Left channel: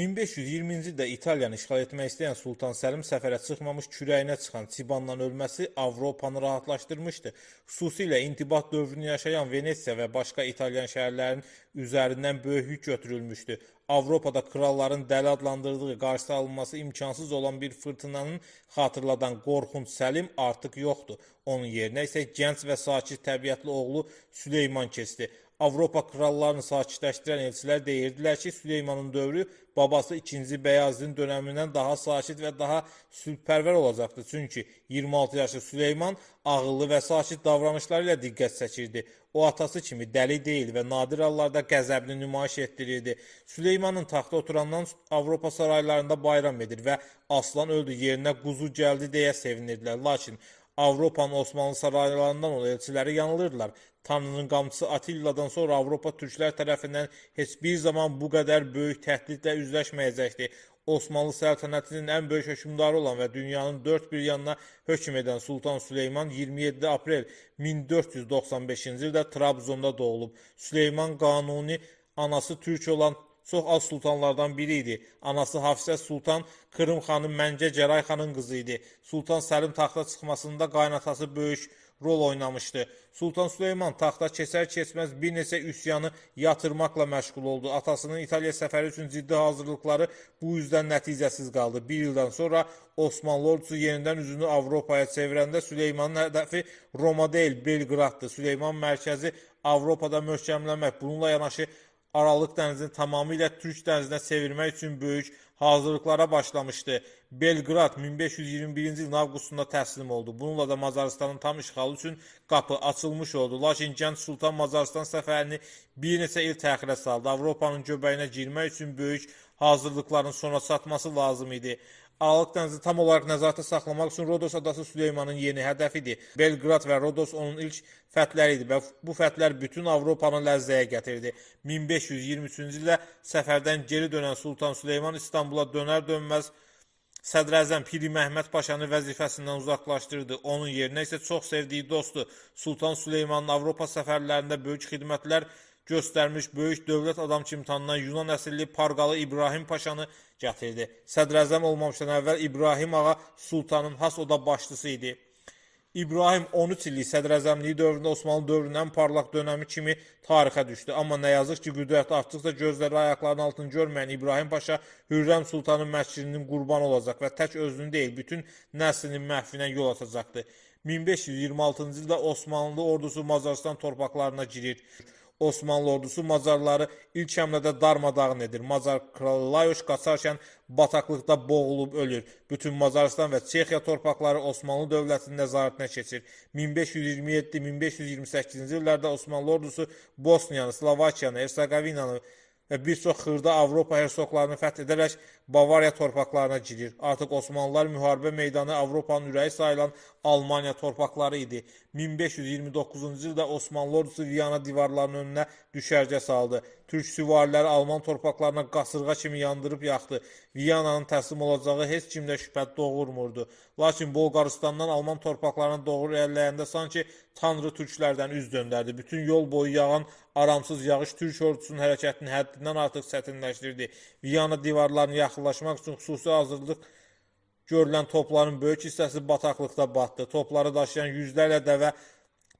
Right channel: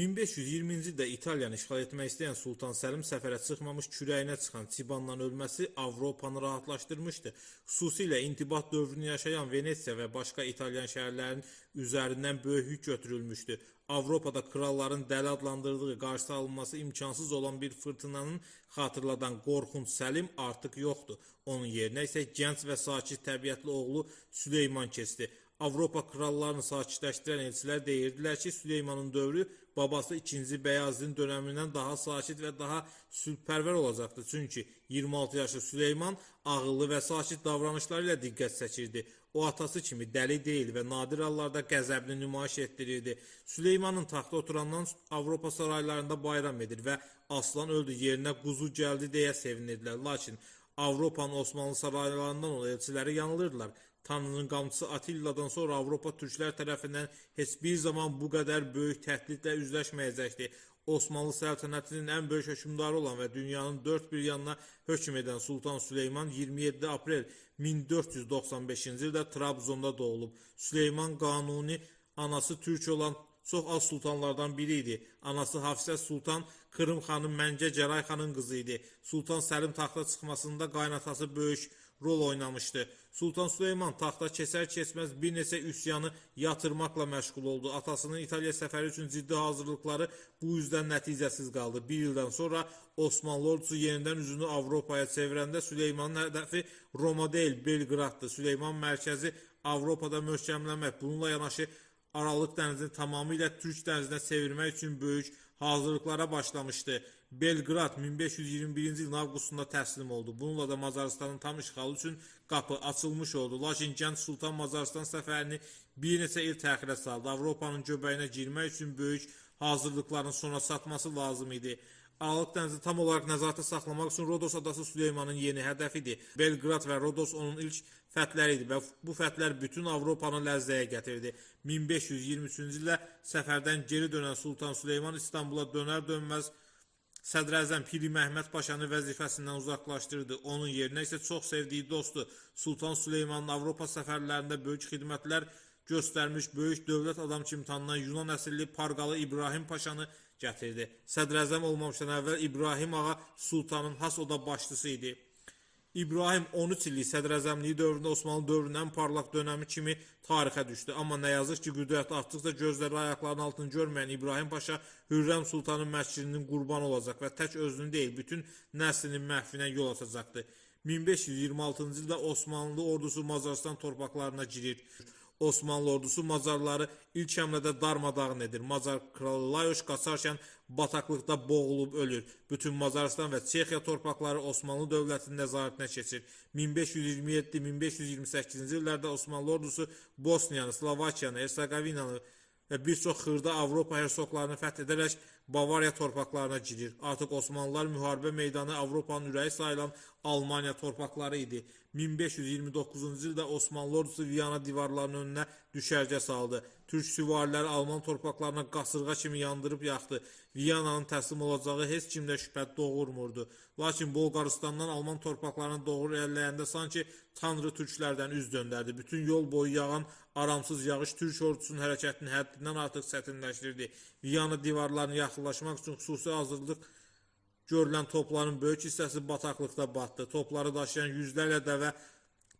1520-ci ildə İtaliyanı işğal etmək istəyən Sultan Səlim səfərə çıxmamış kürəyinə çıxan Sibandan ölməsi Avropanı rahatlaşdırmışdı. Xüsusilə intibat dövrünü yaşayan Venesiya və başqa İtalyan şəhərlərinin üzərindən böyük yük götürülmüşdü. Avropada kralların dəli adlandırdığı, qarşısı alınması imkansız olan bir fırtınanın xatırladan qorxunc Səlim artıq yoxdur. Onun yerinə isə gənc və sakit təbiətli oğlu Süleyman keçdi. Avropa krallarını sakitləşdirən elçilər deyirdilər ki, Süleymanın dövrü babası 2-ci Bəyazidin dönəmindən daha sakit və daha sülhpərvər olacaqdı. Çünki 26 yaşlı Süleyman ağıllı və sakit davranışları ilə diqqət çəkirdi. O atası kimi dəli deyil və nadir hallarda qəzəbini nümayiş etdirirdi. Süleymanın taxta oturandan Avropa saraylarında bayram edir və aslan öldü yerinə quzu gəldi deyə sevinirdilər. Lakin Avropanın Osmanlı saraylarından olan elçiləri yanılırdılar. Tanrının qamçısı Attiladan sonra Avropa türklər tərəfindən heç bir zaman bu qədər böyük təhdidlə üzləşməyəcəkdi. Osmanlı səltənətinin ən böyük hökmdarı olan və dünyanın dörd bir yanına hökm edən Sultan Süleyman 27 aprel 1495-ci ildə Trabzonda doğulub. Süleyman Qanuni anası türk olan çox az sultanlardan biri idi. Anası Hafizə Sultan Kırım xanım Məncə Cəray xanın qızı idi. Sultan Səlim taxta çıxmasında qaynatası böyük rol oynamışdı. Sultan Süleyman taxta keçər-keçməz bir neçə üsyanı yatırmaqla məşğul oldu. Atasının İtaliya səfəri üçün ciddi hazırlıqları bu yüzdən nəticəsiz qaldı. Bir ildən sonra Osmanlı ordusu yenidən üzünü Avropaya çevirəndə Süleymanın hədəfi Roma deyil, Belqraddır. Süleyman mərkəzi Avropada möhkəmləmək, bununla yanaşı Aralıq dənizini tamamilə Türk dənizinə çevirmək üçün böyük hazırlıqlara başlamışdı. Belqrad 1521-ci ilin avqustunda təslim oldu. Bununla da Macarıstanın tam işğalı üçün qapı açılmış oldu. Lakin gənc Sultan Macarıstan səfərini bir neçə il təxirə saldı. Avropanın göbəyinə girmək üçün böyük hazırlıqların sona çatması lazım idi. Aralıq dənizi tam olaraq nəzarətdə saxlamaq üçün Rodos adası Süleymanın yeni hədəfidir. Belqrad və Rodos onun ilk fətləri idi və bu fətlər bütün Avropanı ləzzəyə gətirdi. 1523-cü ildə səfərdən geri dönən Sultan Süleyman İstanbula dönər-dönməz Sədrəzəm Piri Məhməd Paşanı vəzifəsindən uzaqlaşdırdı. Onun yerinə isə çox sevdiyi dostu Sultan Süleymanın Avropa səfərlərində böyük xidmətlər göstərmiş böyük dövlət adam kimi tanınan Yunan əsilli Parqalı İbrahim Paşanı gətirdi. Sədrəzəm olmamışdan əvvəl İbrahim ağa Sultanın has oda başçısı idi. İbrahim 13 illik sədrəzəmliyi dövründə Osmanlı dövrünün ən parlaq dönəmi kimi tarixə düşdü. Amma nə yazıq ki, qüdrəti artdıqca gözləri ayaqlarının altını görməyən İbrahim Paşa Hürrəm Sultanın məscidinin qurbanı olacaq və tək özünü deyil, bütün nəslinin məhvinə yol açacaqdı. 1526-cı ildə Osmanlı ordusu Macaristan torpaqlarına girir. Osmanlı ordusu Macarları ilk həmlədə darmadağın edir. Macar kralı Layoş qaçarkən bataqlıqda boğulub ölür. Bütün Macaristan və Çexiya torpaqları Osmanlı dövlətinin nəzarətinə keçir. 1527-1528-ci illərdə Osmanlı ordusu Bosniyanı, Slovakiyanı, Hersegovinanı və bir çox xırda Avropa hersoqlarını fəth edərək Bavariya torpaqlarına girir. Artıq Osmanlılar müharibə meydanı Avropanın ürəyi sayılan Almaniya torpaqları idi. 1529-cu ildə Osmanlı ordusu Viyana divarlarının önünə düşərgə saldı. Türk süvariləri Alman torpaqlarına qasırğa kimi yandırıb yaxdı. Viyananın təslim olacağı heç kimdə şübhə doğurmurdu. Lakin Bolqaristandan Alman torpaqlarına doğru irəliləyəndə sanki Tanrı türklərdən üz döndərdi. Bütün yol boyu yağan aramsız yağış Türk ordusunun hərəkətini həddindən artıq çətinləşdirdi. Viyana divarlarına yaxınlaşmaq üçün xüsusi hazırlıq görülən topların böyük hissəsi bataqlıqda batdı. Topları daşıyan yüzlərlə dəvə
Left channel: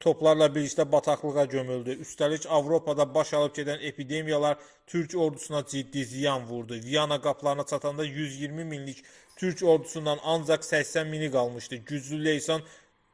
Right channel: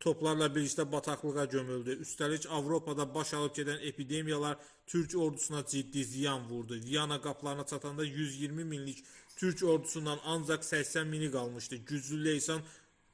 toplarla birlikdə bataqlığa gömüldü. Üstəlik Avropada baş alıb gedən epidemiyalar Türk ordusuna ciddi ziyan vurdu. Viyana qapılarına çatanda 120 minlik Türk ordusundan ancaq 80 mini qalmışdı. Güclü Leysan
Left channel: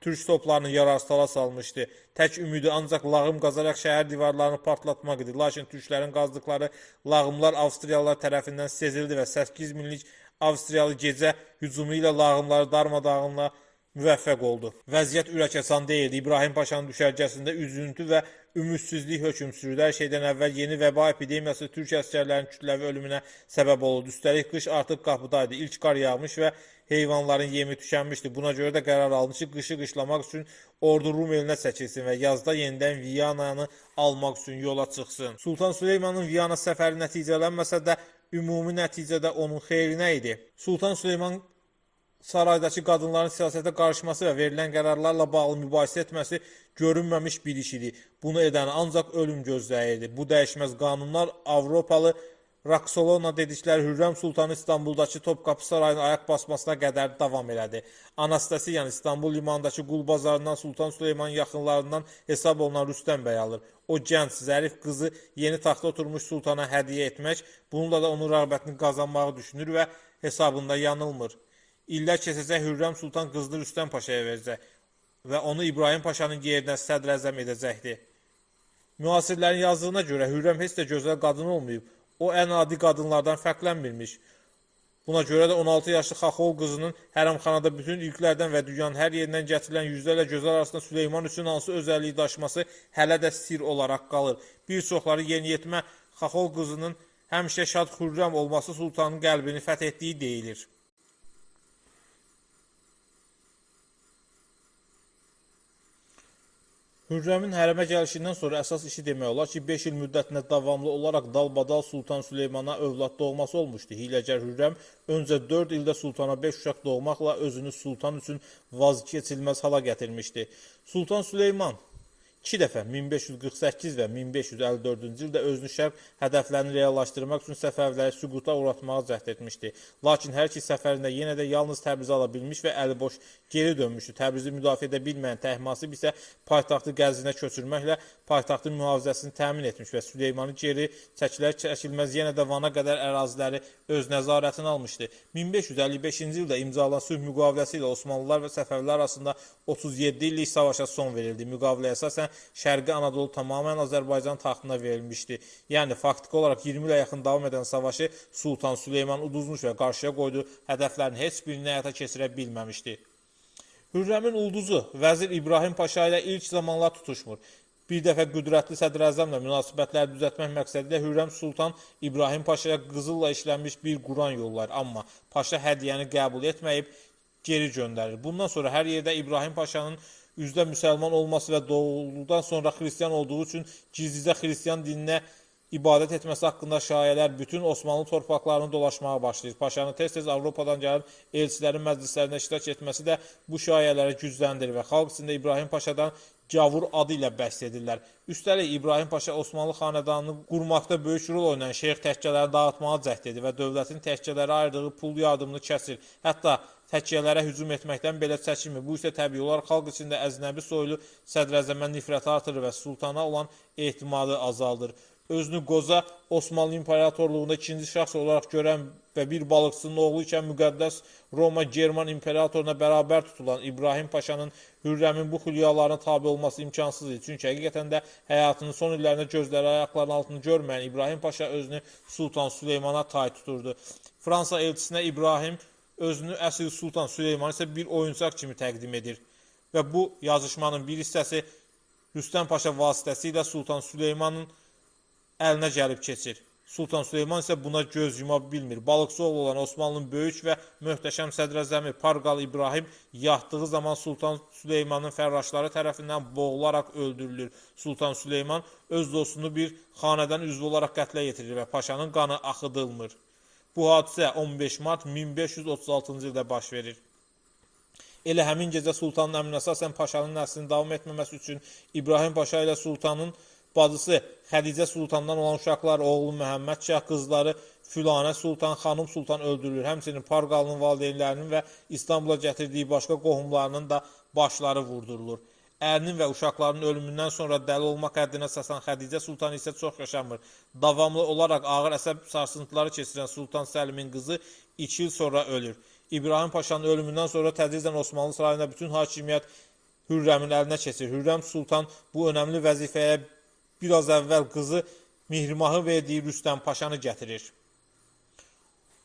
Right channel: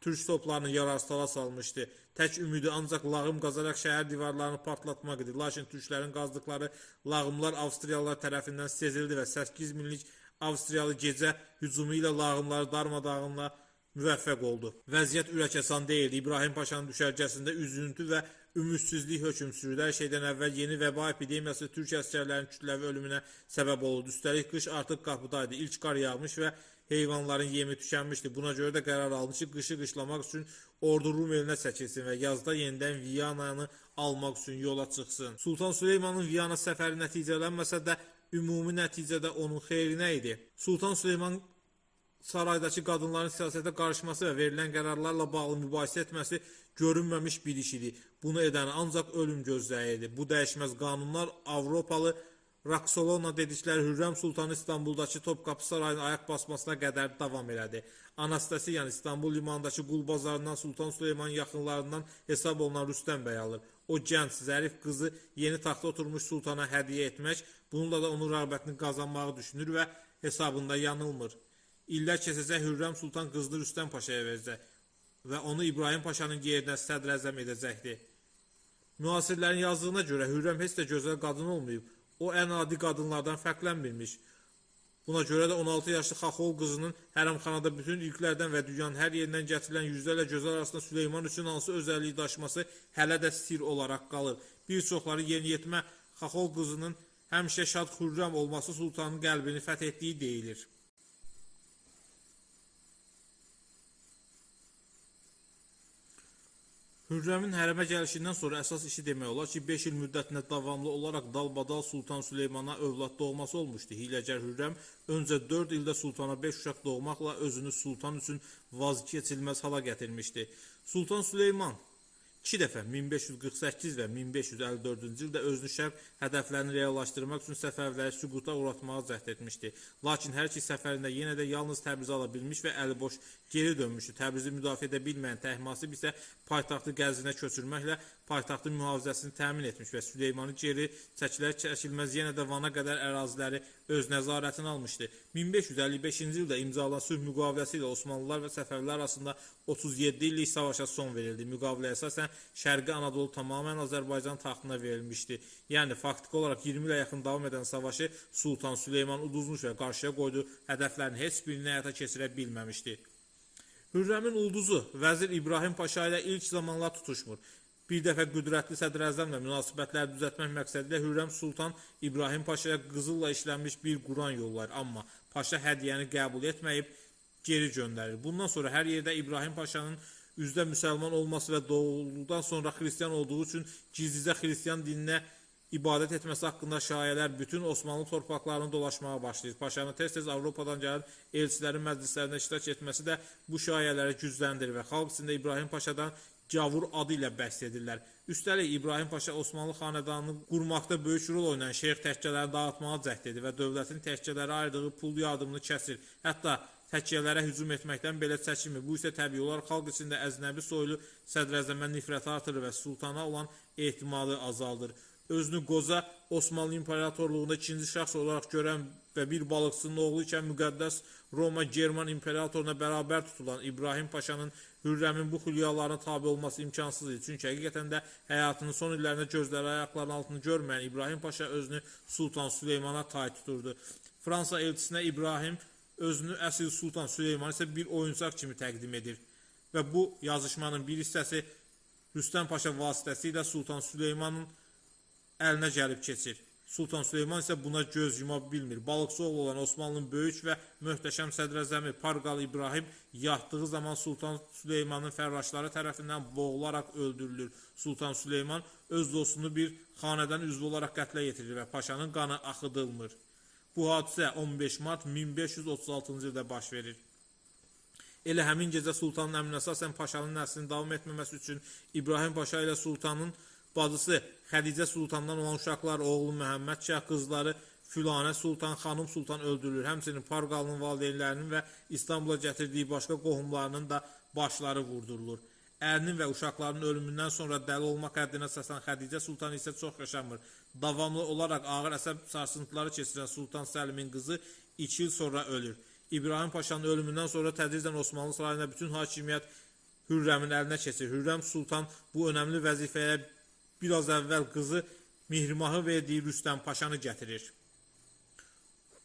Türk toplarını yararsala salmışdı. Tək ümidi ancaq lağım qazaraq şəhər divarlarını partlatmaq idi. Lakin türklərin qazdıqları lağımlar Avstriyalılar tərəfindən sezildi və 8 minlik Avstriyalı gecə hücumu ilə lağımları darmadağınla müvəffəq oldu. Vəziyyət ürəkəsan deyildi. İbrahim Paşanın düşərgəsində üzüntü və ümidsizlik hökm sürürdü. Hər şeydən əvvəl yeni vəba epidemiyası Türk əsgərlərinin kütləvi ölümünə səbəb oldu. Üstəlik qış artıq qapıdaydı. İlk qar yağmış və heyvanların yemi tükənmişdi. Buna görə də qərar almış ki, qışı qışlamaq üçün ordu Rum elinə çəkilsin və yazda yenidən Viyananı almaq üçün yola çıxsın. Sultan Süleymanın Viyana səfəri nəticələnməsə də ümumi nəticədə onun xeyrinə idi. Sultan Süleyman saraydakı qadınların siyasətə qarışması və verilən qərarlarla bağlı mübahisə etməsi görünməmiş bir iş idi. Bunu edən ancaq ölüm gözləyirdi. Bu dəyişməz qanunlar Avropalı Roxolana dedikləri Hürrəm Sultanı İstanbuldakı Topkapı Sarayının ayaq basmasına qədər davam elədi. Anastasiyan İstanbul limanındakı qul bazarından Sultan Süleymanın yaxınlarından hesab olunan Rüstəm bəy alır. O gənc, zərif qızı yeni taxta oturmuş sultana hədiyyə etmək, bununla da onun rəğbətini qazanmağı düşünür və hesabında yanılmır. İllər keçəcək, Hürrəm Sultan qızını Rüstəm Paşaya verəcək və onu İbrahim Paşanın yerinə sədr-əzəm edəcəkdir. Müasirlərin yazdığına görə Hürrəm heç də gözəl qadın olmayıb. O ən adi qadınlardan fərqlənmirmiş. Buna görə də 16 yaşlı Xaxol qızının hərəmxanada bütün ilklərdən və dünyanın hər yerindən gətirilən yüzlərlə gözəl arasında Süleyman üçün hansı özəlliyi daşıması hələ də sir olaraq qalır. Bir çoxları yeniyetmə Xaxol qızının həmişə şad Hürrəm olması sultanın qəlbini fəth etdiyi deyilir. Hürrəmin hərəmə gəlişindən sonra əsas işi demək olar ki, 5 il müddətində davamlı olaraq dalbadal Sultan Süleymana övlad doğması olmuşdu. Hiləgər Hürrəm öncə 4 ildə sultana 5 uşaq doğmaqla özünü sultan üçün vazgeçilməz hala gətirmişdi. Sultan Süleyman 2 dəfə 1548 və 1554-cü ildə özünü şərq hədəflərini reallaşdırmaq üçün Səfəviləri süquta uğratmağa cəhd etmişdi. Lakin hər iki səfərində yenə də yalnız Təbrizi ala bilmiş və əliboş geri dönmüşdü. Təbrizi müdafiə edə bilməyən Təhmasib isə paytaxtı Qəzvinə köçürməklə paytaxtın mühafizəsini təmin etmiş və Süleymanı geri çəkilməz yenə də Vana qədər əraziləri öz nəzarətinə almışdı. 1555-ci ildə imzalanan sülh müqaviləsi ilə Osmanlılar və Səfəvilər arasında 37 illik savaşa son verildi. Müqaviləyə əsasən Şərqi Anadolu tamamilə Azərbaycan taxtına verilmişdi. Yəni, faktiki olaraq 20 ilə yaxın davam edən savaşı Sultan Süleyman uduzmuş və qarşıya qoyduğu hədəflərin heç birini həyata keçirə bilməmişdi. Hürrəmin ulduzu Vəzir İbrahim Paşa ilə ilk zamanlar tutuşmur. Bir dəfə qüdrətli sədr-əzəmlə münasibətləri düzəltmək məqsədilə Hürrəm Sultan İbrahim Paşaya qızılla işlənmiş bir Quran yollayır. Amma Paşa hədiyyəni qəbul etməyib geri göndərir. Bundan sonra hər yerdə İbrahim Paşanın üzdə müsəlman olması və doğulduqdan sonra xristiyan olduğu üçün gizlicə xristiyan dininə ibadət etməsi haqqında şayələr bütün Osmanlı torpaqlarını dolaşmağa başlayır. Paşanın tez-tez Avropadan gəlib elçilərin məclislərində iştirak etməsi də bu şayələri gücləndirir və xalq içində İbrahim Paşadan Gavur adı ilə bəhs edirlər. Üstəlik İbrahim Paşa Osmanlı xanədanını qurmaqda böyük rol oynayan şeyx təkkələri dağıtmağa cəhd edir və dövlətin təkkələrə ayırdığı pul yardımını kəsir. Hətta təkkələrə hücum etməkdən belə çəkinmir. Bu isə təbii olaraq xalq içində əznəbi soylu sədr-əzəmə nifrəti artırır və sultana olan etimadı azaldır. Özünü qoca Osmanlı İmperatorluğunda ikinci şəxs olaraq görən və bir balıqçının oğlu ikən müqəddəs Roma German İmperatoruna bərabər tutulan İbrahim Paşanın Hürrəmin bu xülyalarına tabi olması imkansız idi. Çünki həqiqətən də həyatının son illərində gözləri ayaqlarının altını görməyən İbrahim Paşa özünü Sultan Süleymana tay tuturdu. Fransa elçisinə İbrahim özünü əsl Sultan Süleyman isə bir oyuncaq kimi təqdim edir. Və bu yazışmanın bir hissəsi Rüstəm Paşa vasitəsilə Sultan Süleymanın əlinə gəlib keçir. Sultan Süleyman isə buna göz yuma bilmir. Balıqçı oğlu olan Osmanlının böyük və möhtəşəm sədr-əzəmi Parqal İbrahim yatdığı zaman Sultan Süleymanın fərraşları tərəfindən boğularaq öldürülür. Sultan Süleyman öz dostunu bir xanədən üzvü olaraq qətlə yetirir və paşanın qanı axıdılmır. Bu hadisə 15 mart 1536-cı ildə baş verir. Elə həmin gecə Sultanın əmrinə əsasən paşanın nəslinin davam etməməsi üçün İbrahim Paşa ilə Sultanın bacısı Xədicə Sultandan olan uşaqlar, oğlu Məhəmməd Şah, qızları Fülanə Sultan, Xanım Sultan öldürülür. Həmçinin Parqalının valideynlərinin və İstanbula gətirdiyi başqa qohumlarının da başları vurdurulur. Ərinin və uşaqlarının ölümündən sonra dəli olmaq həddinə əsasən Xədicə Sultan isə çox yaşamır. Davamlı olaraq ağır əsəb sarsıntıları keçirən Sultan Səlimin qızı 2 il sonra ölür. İbrahim Paşanın ölümündən sonra tədricən Osmanlı sarayında bütün hakimiyyət Hürrəmin əlinə keçir. Hürrəm Sultan bu önəmli vəzifəyə biraz əvvəl qızı Mihrimahı verdiyi Rüstəm Paşanı gətirir.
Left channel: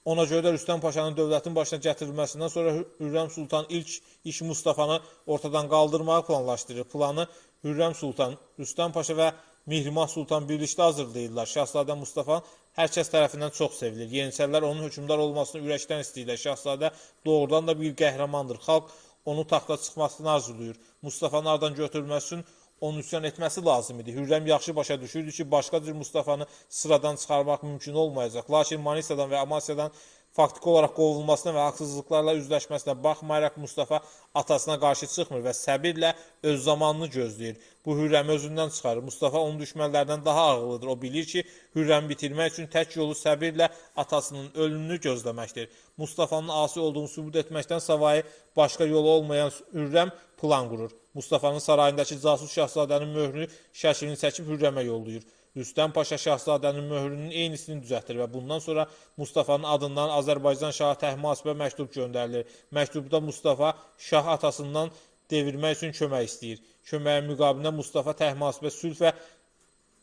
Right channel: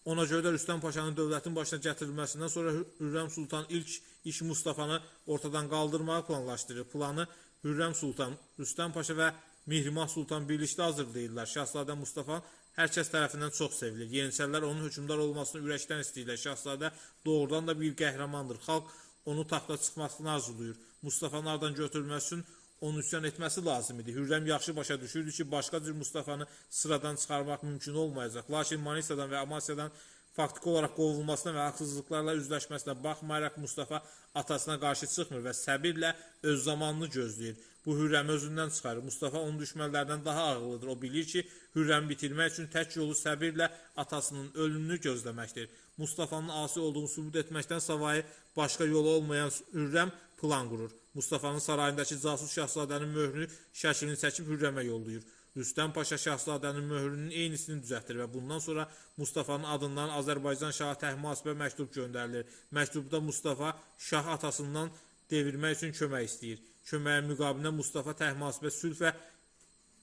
Ona görə də Rüstəm Paşanın dövlətin başına gətirilməsindən sonra Hürrəm Sultan ilk iş Mustafanı ortadan qaldırmağı planlaşdırır. Planı Hürrəm Sultan, Rüstəm Paşa və Mihrimah Sultan birlikdə hazırlayırlar. Şahzadə Mustafa hər kəs tərəfindən çox sevilir. Yeniçərilər onun hökmdar olmasını ürəkdən istəyirlər. Şahzadə doğrudan da bir qəhrəmandır. Xalq onu taxta çıxmasını arzulayır. Mustafanın aradan götürülməsi üçün onun üsyan etməsi lazım idi. Hürrəm yaxşı başa düşürdü ki, başqa cür Mustafanı sıradan çıxarmaq mümkün olmayacaq. Lakin Manisadan və Amasyadan faktiki olaraq qovulmasına və haqsızlıqlarla üzləşməsinə baxmayaraq Mustafa atasına qarşı çıxmır və səbirlə öz zamanını gözləyir. Bu Hürrəmi özündən çıxarır. Mustafa onun düşmənlərdən daha ağıllıdır. O bilir ki, Hürrəmi bitirmək üçün tək yolu səbirlə atasının ölümünü gözləməkdir. Mustafanın asi olduğunu sübut etməkdən savayı başqa yolu olmayan Hürrəm plan qurur. Mustafanın sarayındakı casus şahzadənin möhrünü şəklini çəkib Hürrəmə yollayır. Rüstəm Paşa şahzadənin möhrünün eynisini düzəltdir və bundan sonra Mustafanın adından Azərbaycan şahı Təhmasibə məktub göndərilir. Məktubda Mustafa şah atasından devirmək üçün kömək istəyir. Köməyin müqabilində Mustafa Təhmasibə sülh və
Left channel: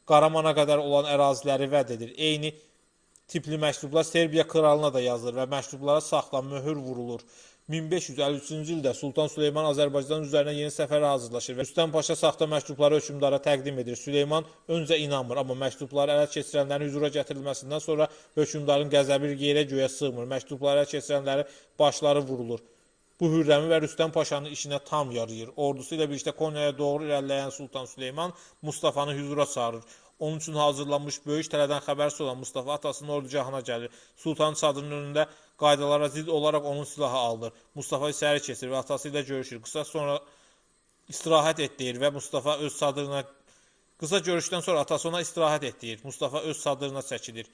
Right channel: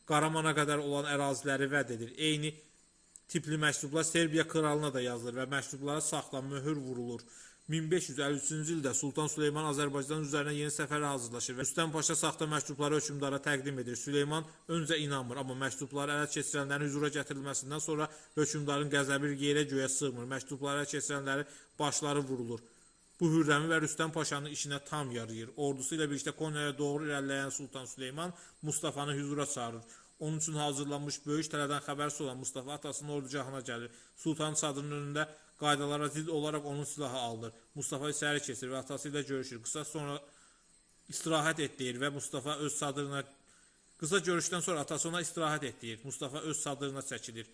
Qaramana qədər olan əraziləri vəd edir. Eyni tipli məktublar Serbiya kralına da yazılır və məktublara saxla möhür vurulur. 1553-cü ildə Sultan Süleyman Azərbaycan üzərinə yeni səfərə hazırlaşır və Rüstəm Paşa saxta məktubları hökmdara təqdim edir. Süleyman öncə inanmır, amma məktubları ələ keçirənlərin hüzura gətirilməsindən sonra hökmdarın qəzəbi yerə göyə sığmır. Məktubları ələ keçirənləri başları vurulur. Bu Hürrəmi və Rüstəm Paşanın işinə tam yarayır. Ordusu ilə birlikdə Konyaya doğru irəliləyən Sultan Süleyman Mustafanı hüzura çağırır. Onun üçün hazırlanmış böyük tələdən xəbərsiz olan Mustafa atasının ordugahına gəlir. Sultanın çadırının önündə qaydalara zidd olaraq onun silahı alınır. Mustafa içəri keçir və atası ilə görüşür. Qısa sonra istirahət et deyir və Mustafa öz çadırına qısa görüşdən sonra atası ona istirahət et deyir. Mustafa öz çadırına çəkilir.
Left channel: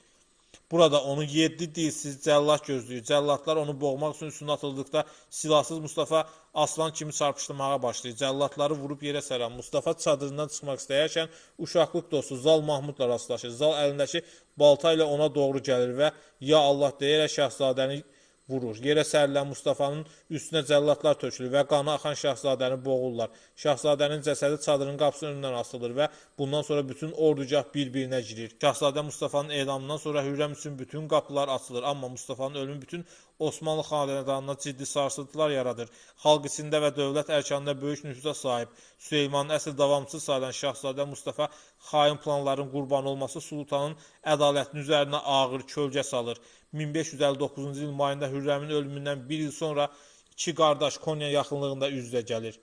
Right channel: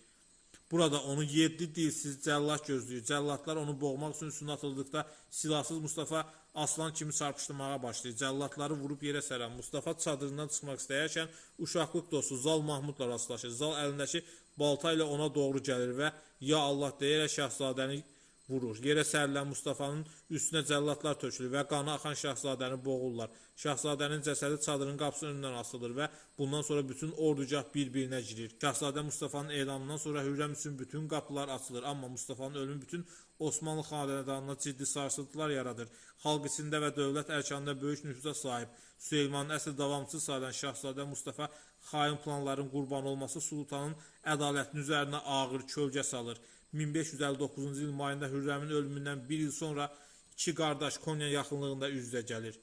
Burada onu 7 dilsiz cəllat gözləyir. Cəllatlar onu boğmaq üçün üstünə atıldıqda silahsız Mustafa aslan kimi çarpışdırmağa başlayır. Cəllatları vurub yerə səran Mustafa çadırından çıxmaq istəyərkən uşaqlıq dostu Zal Mahmudla rastlaşır. Zal əlindəki balta ilə ona doğru gəlir və ya Allah deyərək şahzadəni vurur. Yerə sərilən Mustafanın üstünə cəllatlar tökülür və qanı axan şahzadəni boğurlar. Şahzadənin cəsədi çadırın qapısının önündən asılır və bundan sonra bütün ordugah bir-birinə girir. Şahzadə Mustafanın edamından sonra Hürrəm üçün bütün qapılar açılır. Amma Mustafanın ölümü bütün Osmanlı xanədanına ciddi sarsıntılar yaradır. Xalq içində və dövlət ərkanında böyük nüfuza sahib Süleymanın əsl davamçısı sayılan Şahzadə Mustafa xain planların qurbanı olması sultanın ədalətinin üzərinə ağır kölgə salır. 1559-cu il mayında Hürrəmin ölümündən bir il sonra iki qardaş Konya yaxınlığında üz-üzə gəlir.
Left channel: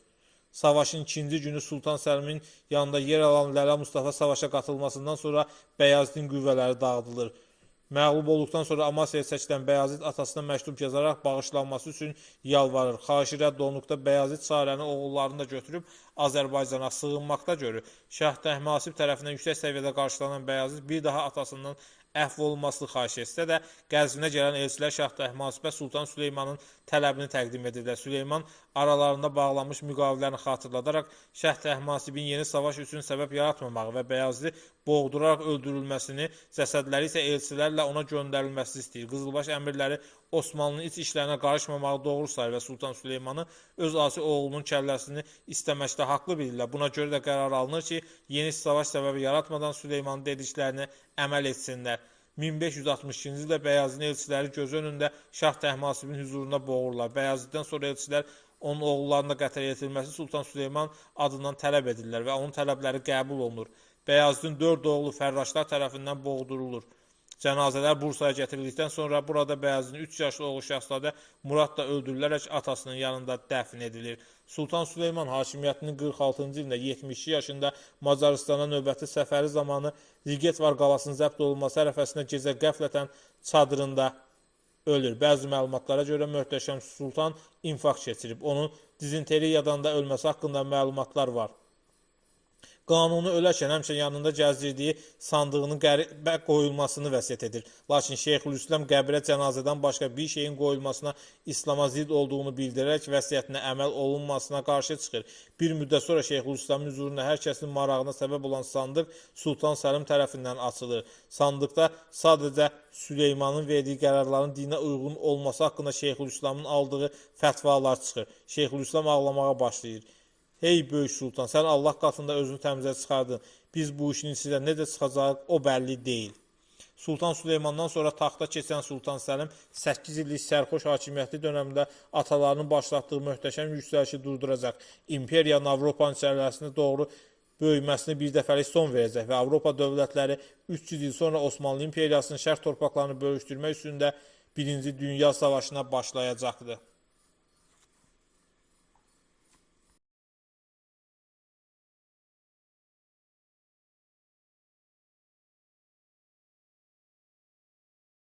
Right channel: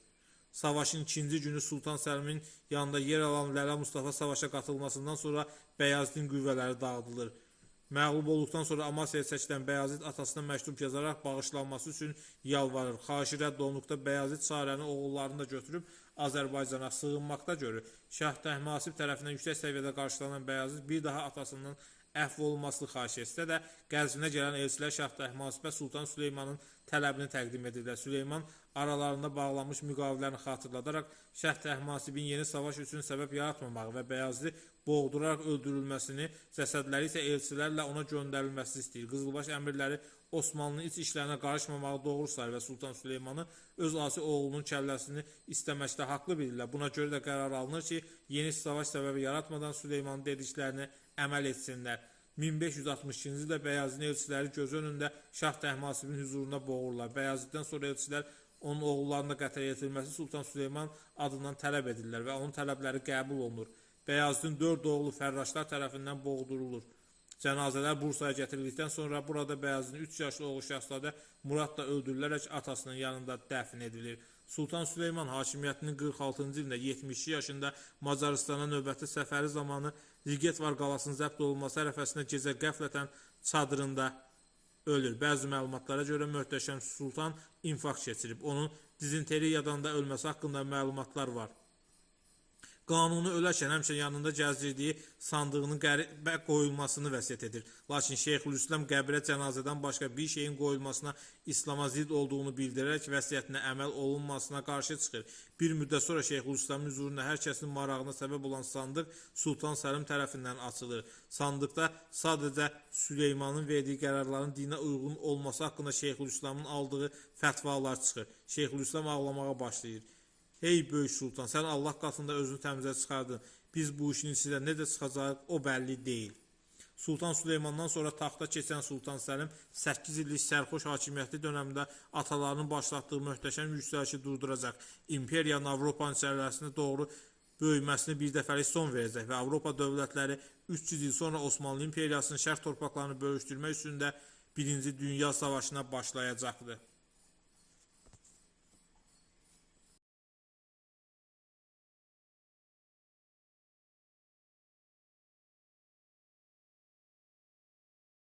Savaşın ikinci günü Sultan Səlimin yanında yer alan Lələ Mustafa savaşa qatılmasından sonra Bəyazidin qüvvələri dağıdılır. Məğlub olduqdan sonra Amasyaya çəkilən Bəyazid atasına məktub yazaraq bağışlanması üçün yalvarır. Xahişi rədd olunduqda Bəyazid Sarəni oğullarını da götürüb Azərbaycana sığınmaqda görür. Şah Təhmasib tərəfindən yüksək səviyyədə qarşılanan Bəyazid bir daha atasından əfv olunmasını xahiş etsə də, Qəzvinə gələn elçilər Şah Təhmasibə Sultan Süleymanın tələbini təqdim edirlər. Süleyman aralarında bağlanmış müqavilələrini xatırladaraq Şah Təhmasibin yeni savaş üçün səbəb yaratmamağı və Bəyazidi boğduraraq öldürülməsini, cəsədləri isə elçilərlə ona göndərilməsini istəyir. Qızılbaş əmirləri Osmanlının iç işlərinə qarışmamağı doğru sayır və Sultan Süleymanı öz asi oğlunun kəlləsini istəməkdə haqlı bilirlər. Buna görə də qərar alınır ki, yeni savaş səbəbi yaratmadan Süleymanın dediklərini əməl etsinlər. 1562-ci ildə Bəyazidin elçiləri göz önündə Şah Təhmasibin hüzurunda boğurlar. Bəyaziddən sonra elçilər onun oğullarına qətl edilməsi Sultan Süleyman adından tələb edirlər və onun tələbləri qəbul olunur. Bəyazidin 4 oğlu fərraşlar tərəfindən boğdurulur. Cənazələr Bursaya gətirildikdən sonra burada Bəyazidin 3 yaşlı oğlu Şahzadə Murad da öldürülərək atasının yanında dəfn edilir. Sultan Süleyman hakimiyyətinin 46-cı ilində 72 yaşında Macaristana növbəti səfəri zamanı Ligetvar qalasının zəbt olunması ərəfəsində gecə qəflətən çadırında ölür. Bəzi məlumatlara görə möhtəşəm Sultan infarkt keçirib. Onun dizenteriyadan da ölməsi haqqında məlumatlar var. Qanuni ölərkən həmçinin yanında gəzdirdiyi sandığının qəbrə qoyulmasını vəsiyyət edir. Lakin Şeyxülislam qəbrə cənazədən başqa bir şeyin qoyulmasına İslama zidd olduğunu bildirərək vəsiyyətinə əməl olunmasına qarşı çıxır. Bir müddət sonra Şeyxülislamın hüzuruna hər kəsin marağına səbəb olan sandıq Sultan Səlim tərəfindən açılır. Sandıqda sadəcə Süleymanın verdiyi qərarların dinə uyğun olması haqqında Şeyxülislamın aldığı fətvalar çıxır. Şeyxülislam ağlamağa başlayır. Hey böyük sultan, sən Allah qatında özünü təmizə çıxardın. Biz bu işin içindən necə çıxacaq, o bəlli deyil. Sultan Süleymandan sonra taxta keçən Sultan Səlim 8 illik sərxoş hakimiyyəti dönəmində atalarının başlatdığı möhtəşəm yüksəlişi durduracaq. İmperiyanın Avropanın içərisinə doğru böyüməsini bir dəfəlik son verəcək və Avropa dövlətləri 300 il sonra Osmanlı İmperiyasının şərq torpaqlarını bölüşdürmək üstündə 1-ci Dünya Savaşına başlayacaqdır.